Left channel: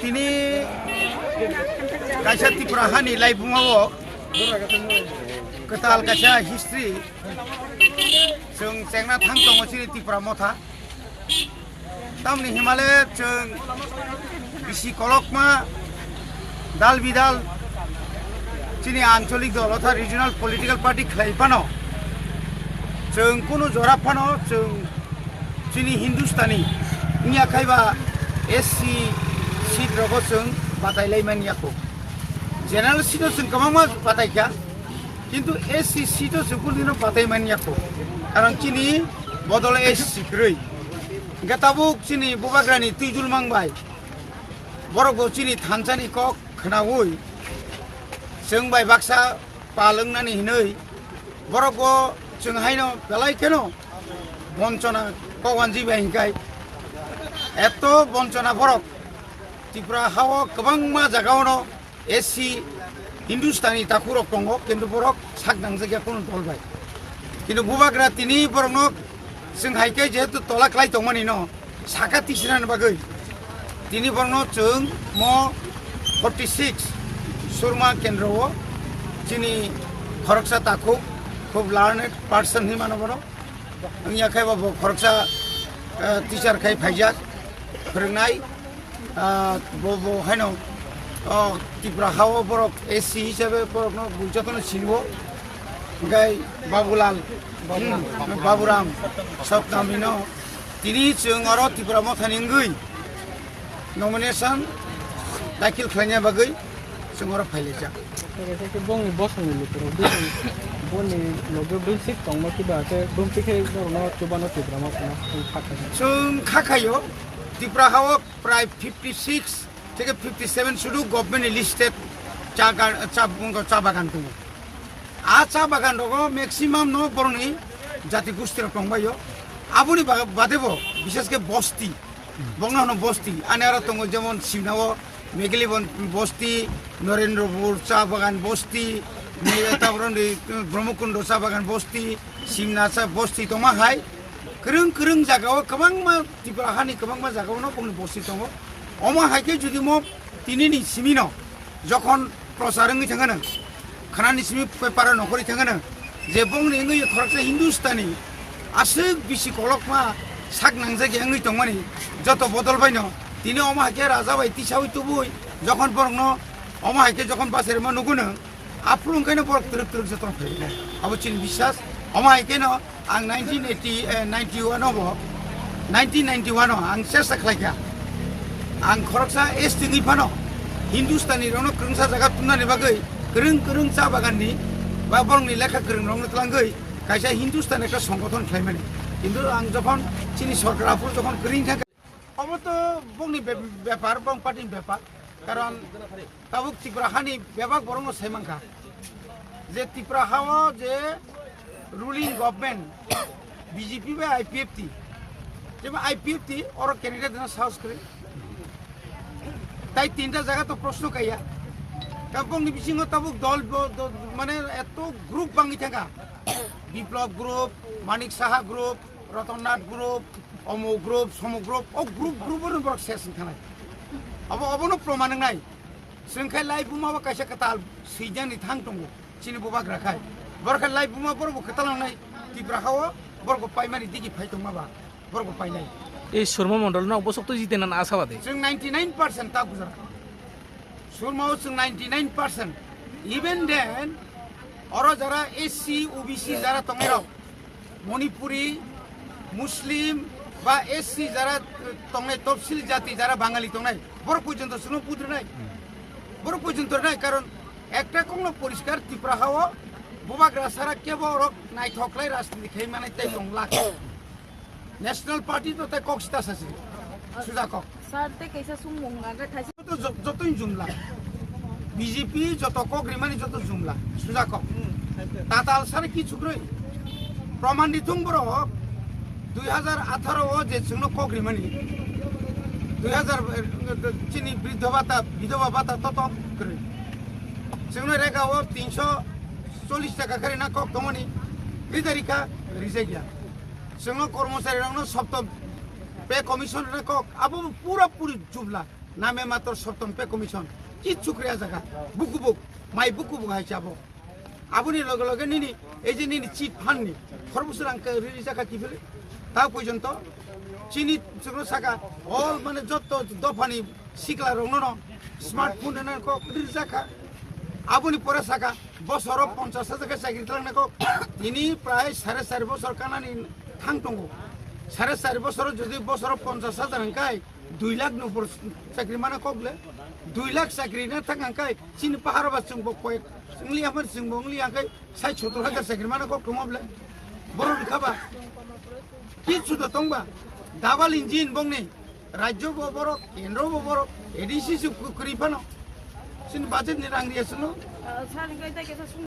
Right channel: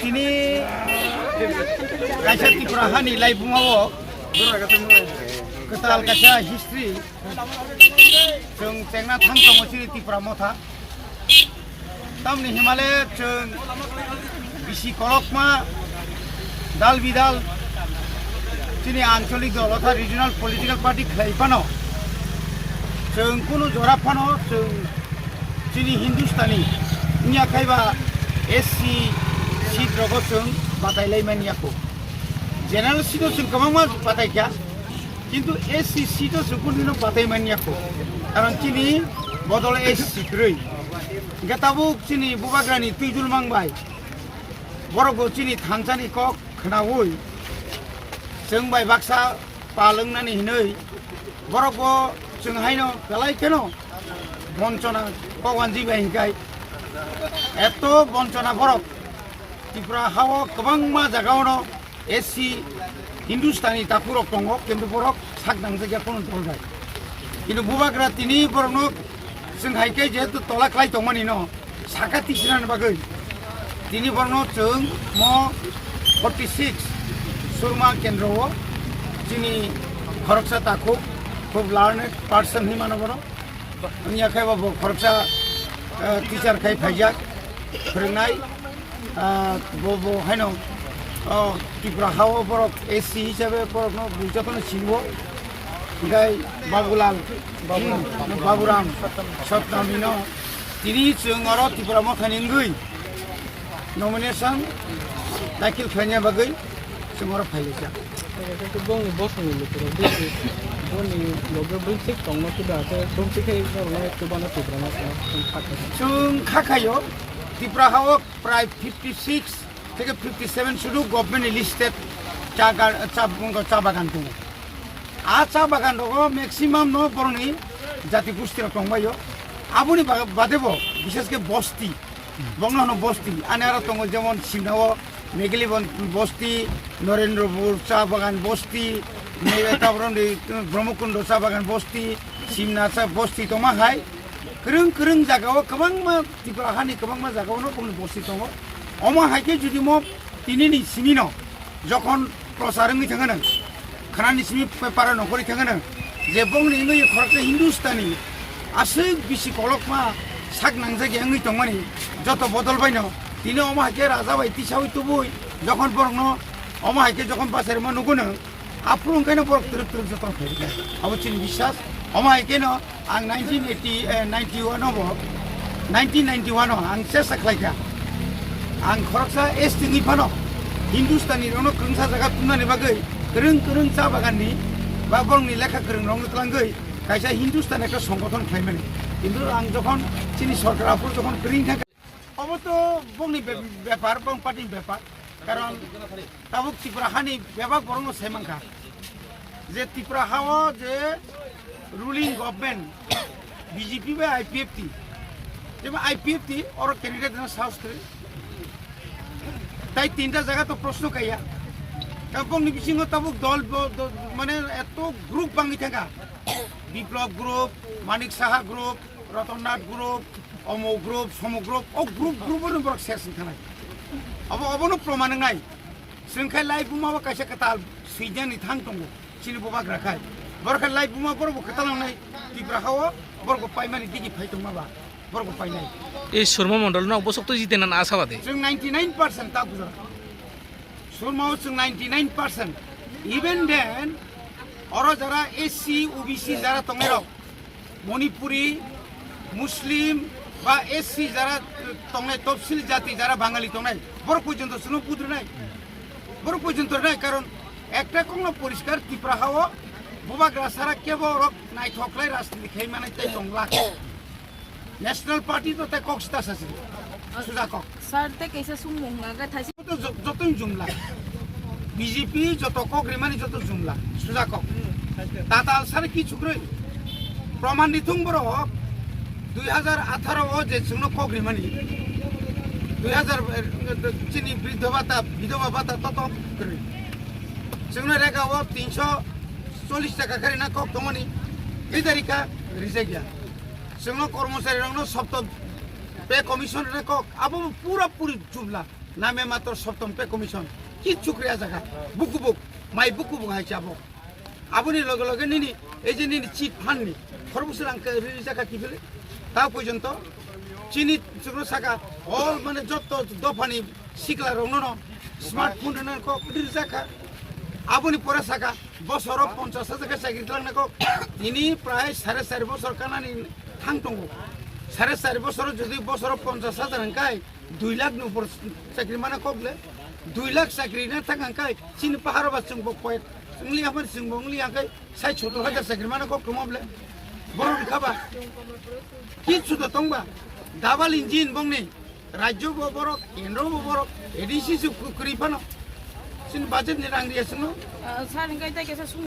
তিনি kaisa Tripura hani laibungao ketal kaisa history जों जेंना थां दङ सिरि Tripura मथा तामनि हिमालय जों बिसि कलकमा दाल बिदाल चिनि आंचलिक दल अर्थात रिजनल पलिटिकल पार्टी खालायफानो जों कुनु जराफानो जों चिनि हिंदुस्तानी निया खायबा एससी सीट रगो जों बादायलायमानियाखौ जेनेरेल सीटआव जों गोबां बादायखाया किन्तु एससी सीटआव जों कुनु बादायमानियाखौ कारण चिनि बदल एससी ख्रै गेताबुक चिनि बुबाग्रानि तुइजुल मांबाय बरगो चिनि थानसानि कक खोनावै जों बाय बाक्सा पालोंनानै हिनै बरगो जों हायनो बेलायखेनो बंचना कवानजि बायहिखाय एत बंचना बरक Tripura हाव गोबां मा जागावनो एससी हिंदुस्तानी ताकुरक दङ किन्तु बरक सागदां जायगा कोनो दलबाय किन्तु बुबाग्रा तिनि बरनो जों हायखाय जेहेतु तला खालाय दंमानि न साका तिसिनानो बागै तिनि बरनो जों म 46 सुरमा केन्द्रआव चिनि खरकसा ताकु खूब लार्नेड पार्सन हि मानो बरो आंनि आखायबाबो खरकसा टिचार खाय फायजाक फोरोंनाय बो हायनो Tripura हाव बरक एससी हिसाबै बरकनो बुजातनो सिनबो गाय बाबुलाल बाबुराम सप्तामिनो तिनि जों आरो Tripura मथानि गै नमिनेशन दाखिल खालामनाय बागै जों आरो फायलायजा Bông bớt người lục rồi bông mình lục rồi bông xích tổng nó cái đó cái bông xích cái nó cái bông nó chụp rồi nó khát जों खाखायो Tripura हाव प्राय 56 থেকে 57 শুধু गभर्नमेन्ट लिस्टेड चा बागान दङ चा बागान दङ मेक्सिमाम न बरनि जाति गोष्ठीर दंबायो आबुनि बादेबो बिशेषके बस्ती बंगनो बस्ती आने आरो दङ जेमन सिनाव मेघली बस्ती नरेन्द्रपुर चा बागान बस्ती ब्रह्मकुंड चा बागान बस्ती सिमना चा बस्ती दमा हाय गोरों गोरों जागाव गोबां मा Tripura हानि गोबां मा जागावनो बंनि बस्ती दङ अमा हायके जुदि म तिनिनि सिमिनो जखन प्रसारंनि थाङोनो खानानि सिमि पेपार नखरि थाङोनो जे बंनि नै खरसे हिंदुस्तानी आसुक बिसि कलकमा साग नांजागे आंनि दंमानि जत बदलबायनो तिनि अमा हायके राजा बाय तिसावै तुबुय जखन बरनो अमा हायके जखन बासेर मा नुगुनो आफ्रु ओंखायनो बरक तुरुक तुरुक जतन फैबाय अबो चिन बिश्वास अमा हायकेनो आं 1991 आं सेस्ता खालायखा आं खरकसा एसटी नि फानो हिंदुस्तानी रनो क्रंसा जागा तुमनानि बागै गोरों गोरों चा बागाननि बा बरंनि लेखा गोरों रनो तलांगै कायसा हिंदुस्तान एक संगठन खालामनानै किन्तु आं जखन चिनि सरकाराफोर जखन गोरिं थाखा अब तो बंनि बेपार बं पार्टी बेपार कारण ताबुक Tripura हानि बेबा बरंनो सायमांखा जे Tripura हाव जे रुलिंग गभर्नमेंट बीजेपी बा आईपीएफटी जेबा आईपीएफटी और कैंडिडेट ना साउथ करे তাই তিনটা জায়গা তো প্রশ্ন কাইয়া কাবংনি বিসিং তাবুক দল মানে এত গ্রুপ বাঙি থাকা বিপ্লব group Manik Saha group রতননাথ group অমো group সম গ্রুপ ও গ্রুপের বরক শেষ থানায় অবনো প্রমাণ নাই जोंखाय लाइ बुमाबा कायसा कताल सैजानि थां दङ चिनि बबाग्रा खाय बरखाय लाइ बुमा बरबो कतालांनाय Tripura हाव बरगो पाइमानि दिगि फाइतों माबा बरगो पाइनाय এই শর্মা মন্ডল না অবশক্ত জিতে না আশাবাদী जों 99% ता गुजरा सुरमाव जों 99% इवन देन और जरा एससी ओबीसी जरा तंगेराव मणिपुरी मुस्लिम बा एससी जरा तंगे तफसिल जाति जरा बाঙালি तंगनाय बर पर्यन्त सुनो पुद्रनाय बर पर्यन्त नाय कारण একটা কোনো পরিষ্কার Tripura हाव बबाग्रा सारा केबल नायथकलाय राजनीति खायमानाय ताइ दंला नेशनल पार्टी तो ते कक्सता सासे सुजा कक सर ते कैसे सुमुंगा गा थासे तो जतोय जुमला बीजेपी जत कक रिमानि जत जुमला सुजा कक ताताल सारे की छुग्रै प्रमाण दिथुं बर 2018 जे जोंनो कक रिमानि 2000 चिनि विधवा भाता तत करे जोंनो रेगाव 340 टाका करे ना कक दमनि बिदारिका रिजाइया जोंनो कर्मचारी रंनो सप्त पे कमिशन रे কক আবো পুরা পুরি জুবলা নামে মাত্র সপ্তম পে কমিশন কি চুকরিয়া জায়গা বুকুবুক মাই বুকুবুক হাইছে আবো আবুনি লগে লগে নিনি এই যে নিনি চিট ফান্ডনি খরবুসের আঙ্কে রিলি জায়গা কি ফেলে তাও পর্যন্ত চিনি চুকরো সাকা অল মানে যত দফানি শিকলা রংন স্মার্টফোন এনে কক রিলি জায়গা আবুনি পরে সাকা বছর 50,000 চাকরি দিলাম না কক তিনি প্রায় 4.5 বছর কানানি থাংতঙ্গো 4.5 বছর যদি বছর 50,000 হাঙ্কাই 2 লাখ উপর চাকরি মানে কগলে 2 লাখ চাকরি না থাকাঙ্কাই চিনি পাহাড় বা চিংবো কয়েক চিংলি আমার চিংবো উংলি আঙ্কাই 60,000 চাকরি মানে কক কমাবলে বড় খাবা কি সুতো তংবা ডাবল ইঞ্জিন বংনি রাজ্য বড় কেন্দ্র বড় এডিসি করিফানো চিনি বাজেট নি রাং দিয়েছিল Saring kay tayo kaysa sumungong